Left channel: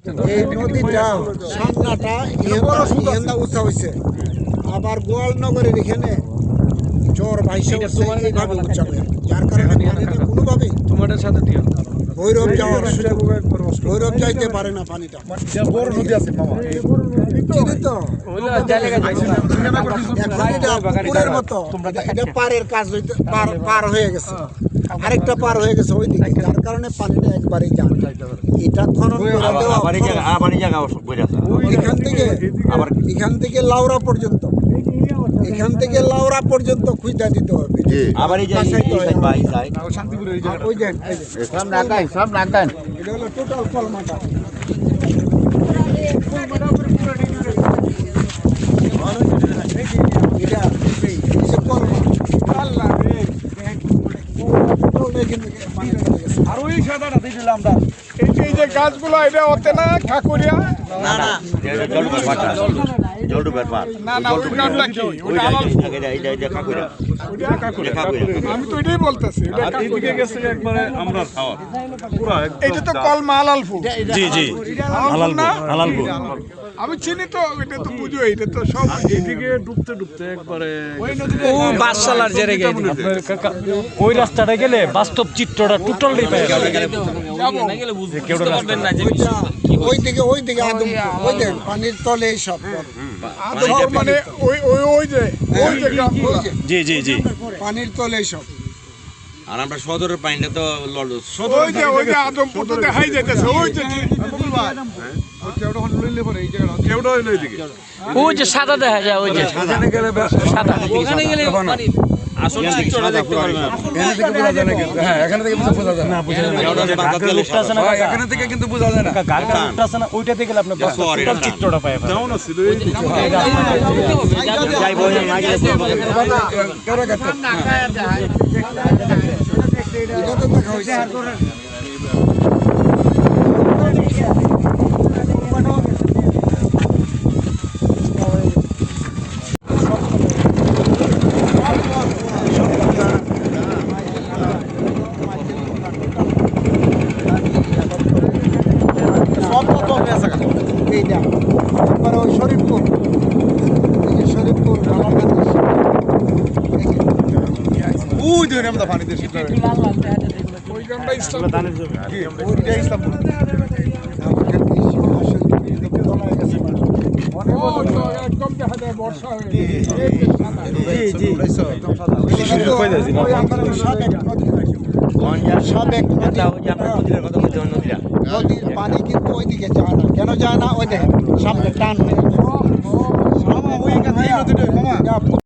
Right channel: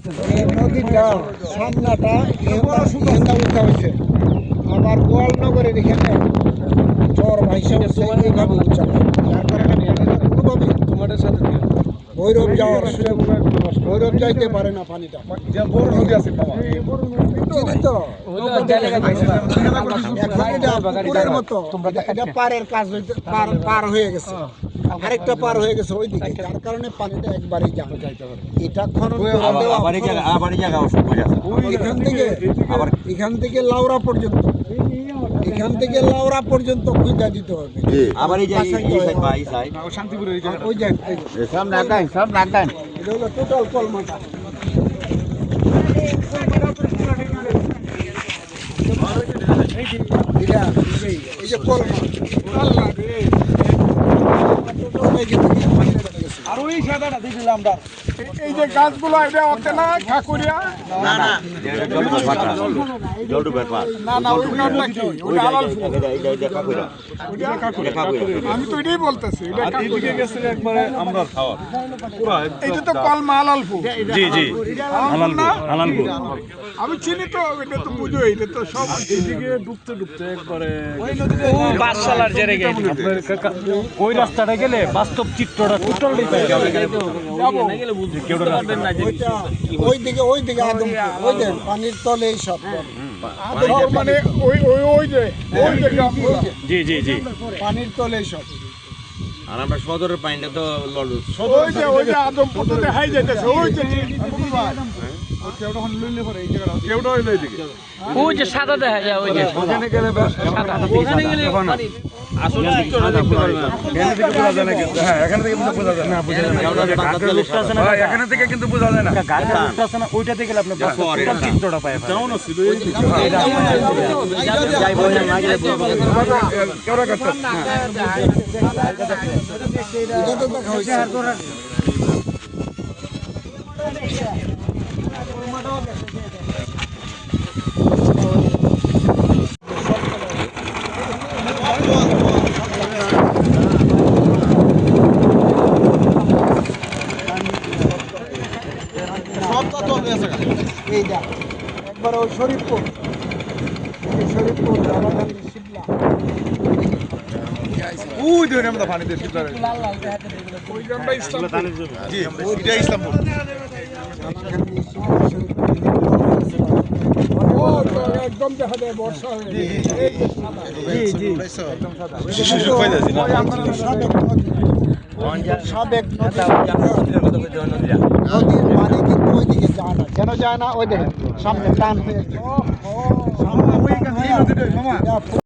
এই নদীটা সামনাটা এখানটা উঠা হয়েছে, আবার গোয়ালনগরের এখানে চর ভাইসা হচ্ছে এইভাবে উচ্চা হয়, যার কারণে পানিটা কোনোভাবে তোমাদের সাথে ভৈরব যাওয়ার সুযোগ, ভৈরব যাইতে পারে না পানিটা। বড় নদী আছে মামা, চিনি তো পুকুরের মতো, এটা পারের কাজ হইতে পার হয়ে গেছে, আরেকটা পার হয়ে গেছে ওইদিকে, যার কারণে পানিটা একবারেই যাবে। এটা খনন করে দেওয়া এখান থেকে লাউরা পর্যন্ত, এখান থেকে লাউরা পর্যন্ত খুঁজা দিতে হবে। শান্তিপুরের এই জায়গাটা ওই যে এটা হলো টোটাল কলমাটা। আর ওই সাদাটা দেখলাম আমরা, এই যে গাছগুলো এটা হতে না ঠাকুরিয়া, না না ওই নামটা কি? ওটা আলালপুর। আমি তো এটাই বলতেছি, এদিকে গেছে একবারে আমরা খাওয়া পুরো, এটা তো কলমা আলালপুর। জি জি আলালপুর, আমি চিনি তো, এটা তো বুঝো, এটা তো সব এদিকে ডুবতে ডুবতে একবারে ওই নদীতে বাসসালার জেরে গেছে। ওই রাস্তাটা গেলে বাস্তব চিত্রটা টোটালি পাই যাবে। ওইদিকে আদমপুর, ওই দেন পানির তলে সব আদমপুর মানে ওই যে গ্রামগুলো। জি জি জি, পানির তলে সব। আর আমরা সদরের পাইলে তো লড়ু ওই যে আদমপুর তো দেখাই যাইতেছে, ওই যে মুকুল ভাই কেউটা ওখানে লইলে পরে এই জায়গাটা কেউটা হইলো এইদিকে, ওই যে সাদা দেখা যায়, ওই যে সাদা ওখানে গেলে আসলে সাদা পুরো এখানে থেকে বোঝা যায় না, কিন্তু হ্যাঁ এখানে থেকে বোঝা যায় না, বোঝা যায় না, এখানে থেকে কিন্তু বোঝা যায় না, গাড়িটা উঠতেছে না, ওইটা থেকে আপনি টোটাল চিত্রটা পায়। ডাউন আছে এই এটা তো দেখা হয়েছে। এই যা তারপরে ওই শরীফপুর, শরীফপুর ওই যে আমরা পানি দিয়ে শিখতে হবে, ওই আমরা ইসলামপুর, জি ওইটা ইসলামপুর, ও তো একদম দেখা যায় বর্ষা হয়ে গেছে। জি জি, সাবেক পানি কিন্তু ওইদিকে যায় না, কেন যায় না? ওই দেখেন সামনে টান হয়ে